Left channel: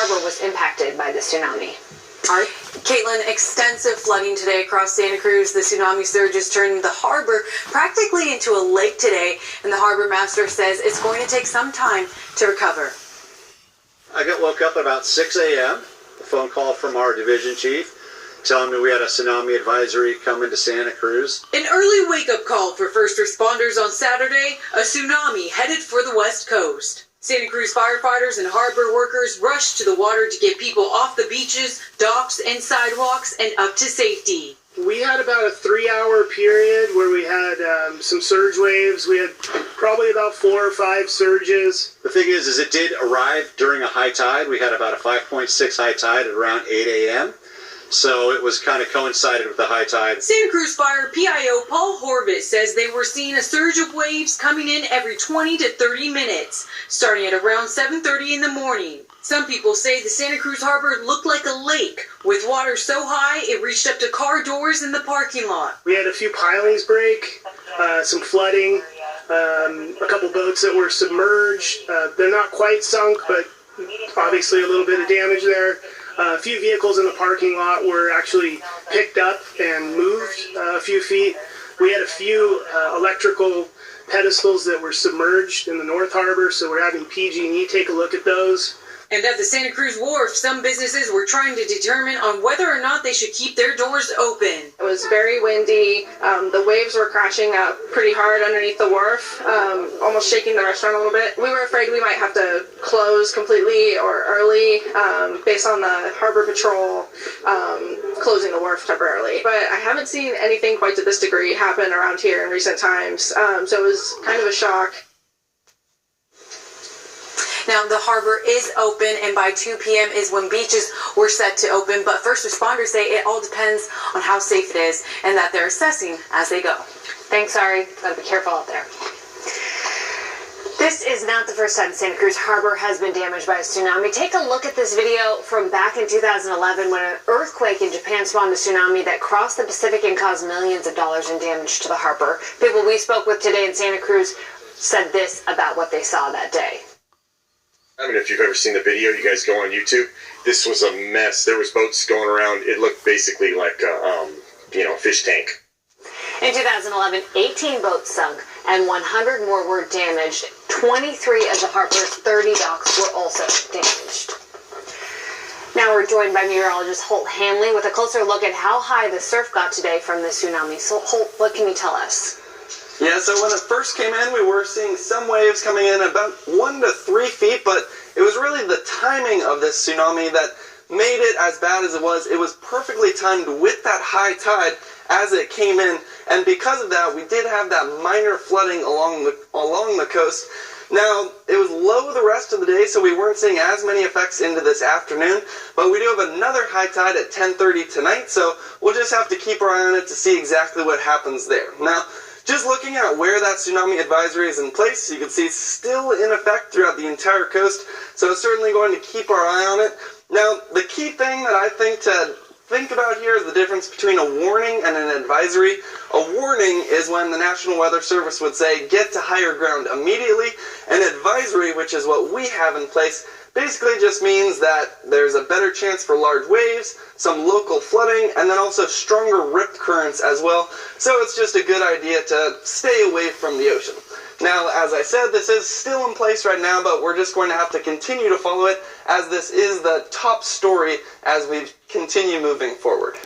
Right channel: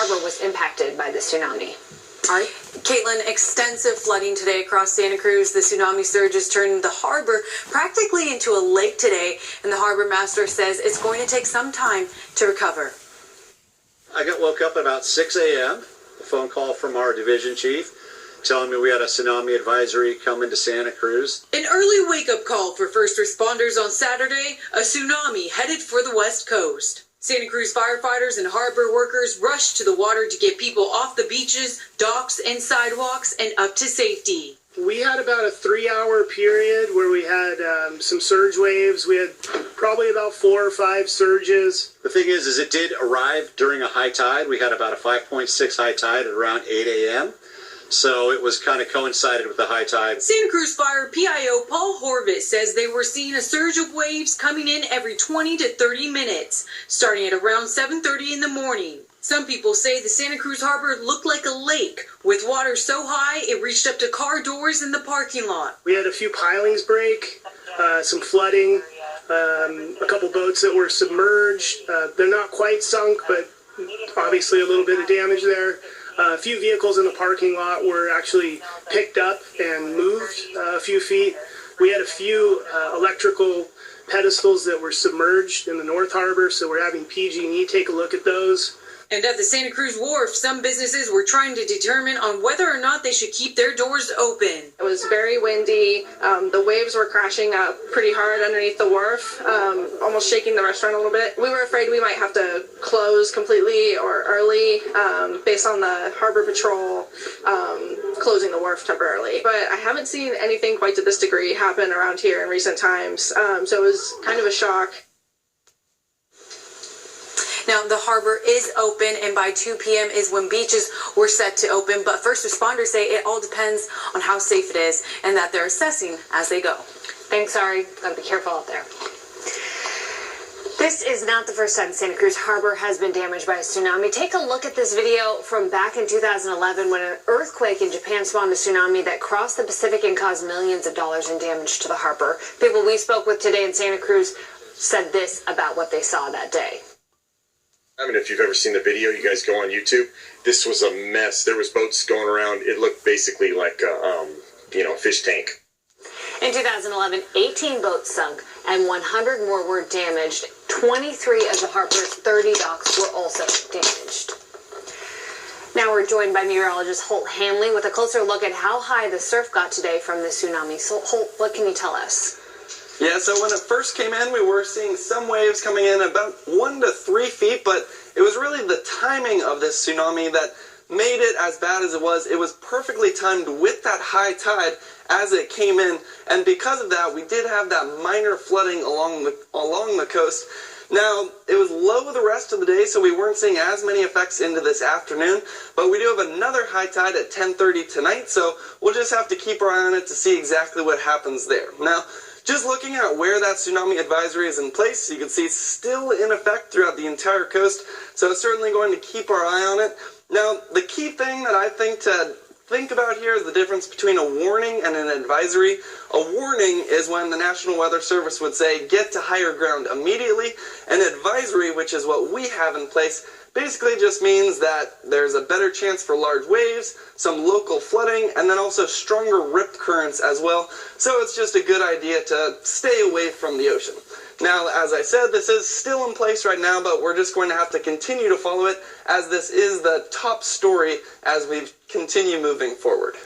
Harbor was impacted by the tsunami. All right. Caitlin, extensive flooding today across Santa Cruz. The tsunami surges turned the harbor practically into a lake today, and the harbor master says it's going to take some time to recover. I woke up at about 6 a.m. A phone call from our division chief telling me we had a tsunami advisory coming to Santa Cruz. An early wake-up call for first responders on Saturday, a tsunami headed for the West Coast. Santa Cruz firefighters and harbor workers rushed to the water to get people off the beaches, docks, and sidewalks and up to safety. We had about a 3-hour period where we had some surge waves. We had probably about 4 or 5 surges. The thing is it did arrive during a high tide. We had about a 5.6 high tide at around 8 a.m. So it was kind of coincided with the high tide. Santa Cruz Fire PIO Paul Horvitz says they were seeing a surge of waves coming in every 20 to 30 minutes, starting at around 7:30 in the morning. Some people say the Santa Cruz Harbor looked like a lake, with water so high it reached up to car doors in the parking lot. We had a few pilings break, some flooding, a couple boats that were submerged. They're not quite sunk, but obviously a little bit of damage there. A few vehicles in the parking lot were actually picked up and moved a few feet. We had a few electrical pedestals that were submerged in the North Harbor, so we're having PG&E take a look at those. And at the Santa Cruz Wharf, some businesses were trying to determine on whether or not they should keep their doors open. It was very windy. The waves were crashing up pretty hard underneath the wharf, almost shaking the restaurant a little bit. We were afraid we might have to close completely or early based on the Harbor Patrol closing the wharf temporarily. But I haven't seen anything quite to this degree happen around here in recent times, so it was kind of a shock. Now, the harbor is open, and by 2 p.m. is when beaches were set to open, but first responders say it all depends on how safe it is and that they're assessing as they go. Thanks, Ari. Gotta be careful out there. This is not the first time Santa Cruz Harbor has been damaged by a tsunami. Take a look at this video from back in 2011 when an earthquake in Japan spawned a tsunami that crossed the Pacific and caused millions of dollars in damage to the harbor. People we spoke with today in Santa Cruz said this about what they saw that day. I mean, if you've ever seen the video, you guys go on YouTube. This was a mess. There was boats going around. It looked basically like a, fish tank. In 2011, 18 boats sunk and 100 more were damaged. 23 of the harbor's 30 docks were also damaged. Now we're joined by meteorologist Holt Hanley with a closer look at how high the surf got today from the tsunami. So, Holt, what can you tell us? Yeah, so when it first came in, we were seeing some waves coming in about 1 to 3 feet, but it was really the timing of this tsunami that made it as bad as it was. It was perfectly timed with that high tide as it came in, and because of that, we did have that minor flooding along the coast. Now, it was low the rest of the day, so we weren't seeing as many effects into this afternoon, but we do have another high tide at 10:30 tonight, so we'll just have to keep our eye on it to see exactly what happens there. Now, just looking at where that tsunami advisory is in place, you can see it's still in effect throughout the entire coast, so it's certainly going to keep our eye on it. Now, the key thing that I think to think about here is the difference between a warning and an advisory. A warning is when the National Weather Service would say, get to higher ground immediately. An advisory, which is what we have in place, basically just means that there's a better chance for large waves, some local flooding, and then also stronger rip currents as well. So it's just a good idea to stay away from the ocean. Now, as I said, this is still in place right now, but we're just going to have to continue to follow it as this is the top story as we continue moving forward.